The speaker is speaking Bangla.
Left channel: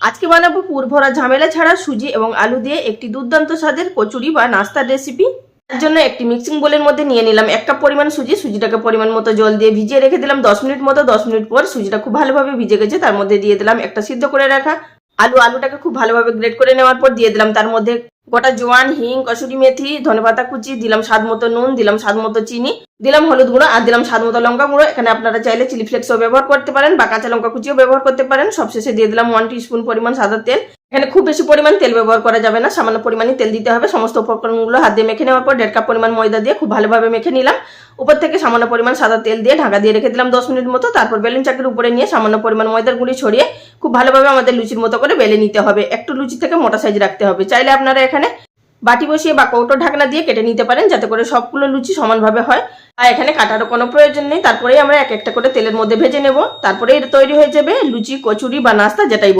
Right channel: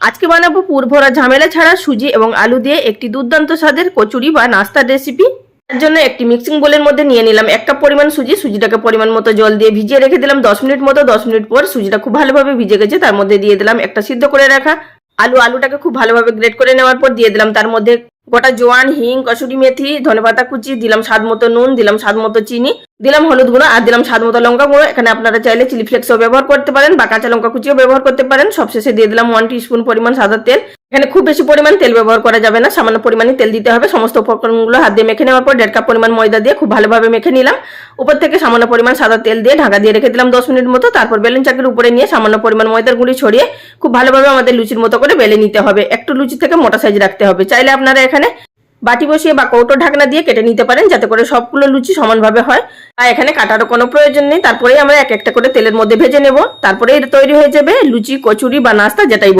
আজকে বানাবো পুর ভরা ঝামেলা ছাড়া সুজি এবং আলু দিয়ে একটি দুর্দান্ত স্বাদের কচুরি বা নাস্তার রেসিপি। তার জন্য একটি মিক্সিং বোলের মধ্যে নিয়ে নিলাম 1 কাপ পরিমাণ সুজি। সুজিটাকে পরিমাণ মতো জল দিয়ে ভিজিয়ে রেখে দিলাম 10 মিনিট মতো। 10 মিনিট পর সুজিটা খুব ভালোভাবে ভিজে গেছে, তার মধ্যে দিয়ে দিলাম একটা সিদ্ধ করে রাখা আলু। আলুটাকে খুব ভালোভাবে গ্রেট করে নেওয়ার পর দিয়ে দিলাম তার মধ্যে গোটা জোয়ান, হিং, কসুরি মেথি, ধনেপাতা কুচি, দিলাম স্বাদ মতো নুন, দিলাম স্বাদ মতো চিনি, দিলাম হলুদ গুঁড়ো আর দিলাম স্বাদ মতো লঙ্কা গুঁড়ো। এখানে আপনারা চাইলে চিলি ফ্লেক্সও ব্যবহার করতে পারেন বা কাঁচা লঙ্কা কুচিও ব্যবহার করতে পারেন। সবশেষে দিয়ে দিলাম 1 টিস্পুন পরিমাণ সাদা তেল। এখানে খুব বেশি পরিমাণ তেল ব্যবহার করা যাবে না, সামান্য পরিমাণে তেল দিতে হবে। সমস্ত উপকরণগুলো হাত দিয়ে মেখে নেওয়ার পর 1.5 কাপ পরিমাণ ময়দা দিয়ে খুব ভালোভাবে মেখে নিলাম। উপর থেকে সামান্য পরিমাণ সাদা তেল দিয়ে ঢাকা দিয়ে রেখে দিলাম 10 মিনিট মতো। তারপর বেলুন চাকির উপরে নিয়ে সামান্য পরিমাণ ময়দার গুঁড়ি ছড়িয়ে খুব ভালোভাবে আমাদের লুচির মতো করে বেলে নিতে হবে। একটু লুচি থেকে মোটা সাইজ রাখতে হবে। চাইলে আপনারা এখানে বাটি বসিয়ে বা কৌটো ঢাকনা দিয়ে কেটে নিতে পারেন, যাতে করে সবগুলো লুচি সমানভাবে হয়। আর এখানে কাটারও কোনো প্রয়োজন নেই। তারপরে আমরা এক একটা করে তেলের মধ্যে ভেজে নেব। তারপরে তৈরি হয়ে যাবে লুচি, কচুরি বা নাস্তা, যেটাই